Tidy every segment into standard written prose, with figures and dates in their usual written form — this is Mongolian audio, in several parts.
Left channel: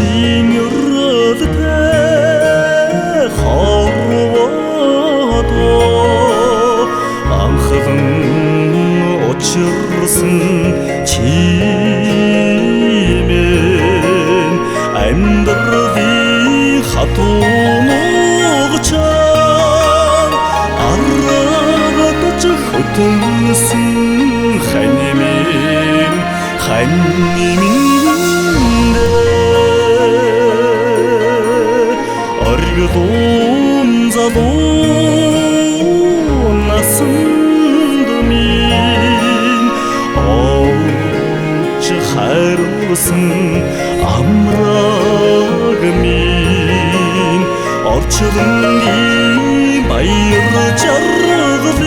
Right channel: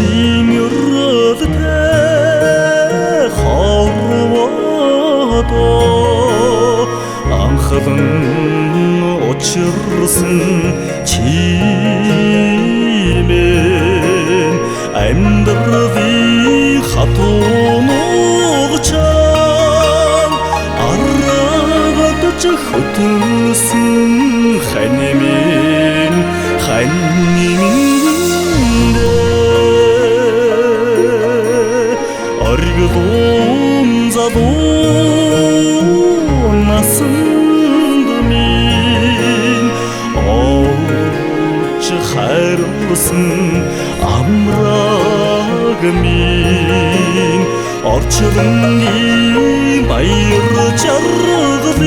димюрэлтэй хорвото анхлан учирсан чимэн амьдралын хатуунгчаан аргадж хөтөлсөн ханьмин оргидун залуу насанд минь оч хайрлсан амраг минь орчлонгийн баяр жаргалыг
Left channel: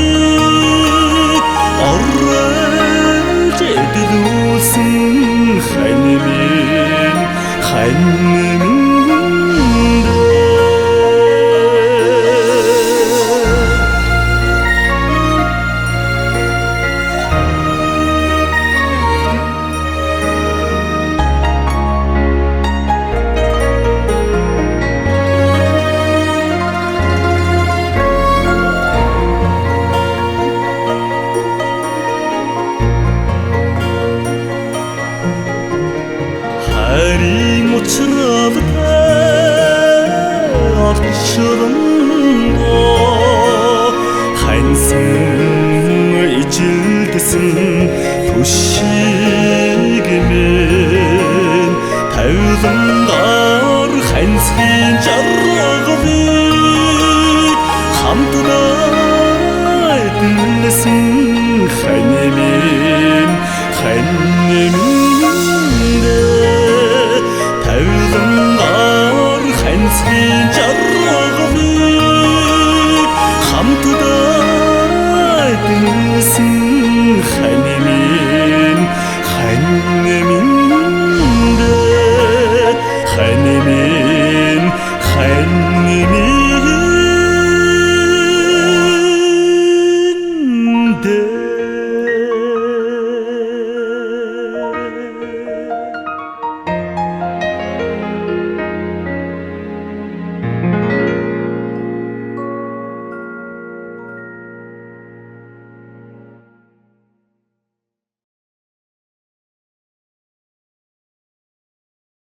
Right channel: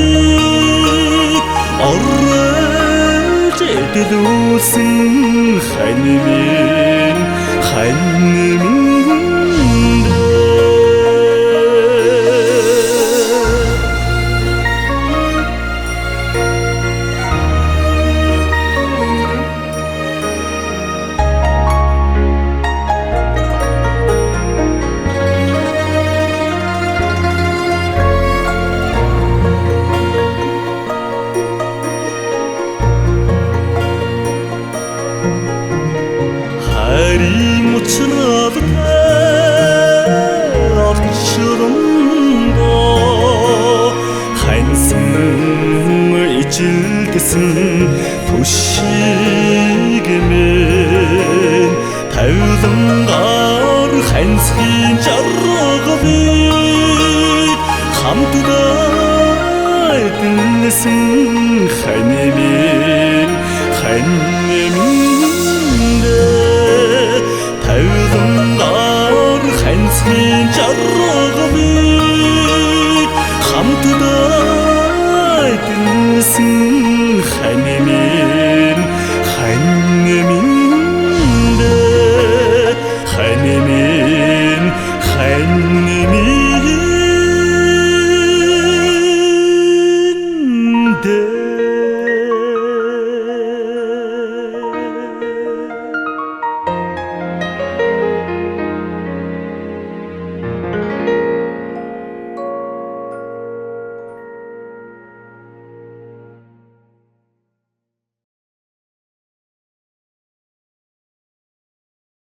орж эдэлүүлсэн ханьмин харин учралтай орчлондоо ханьсан ижилдсэн түшиг мэн тавилангаар ханьсхийн жаргалыг хамтдаа эдэлсэн ханьмин тавилангаар ханьсхийн жаргалыг хамтдаа эдэлсэн ханьмин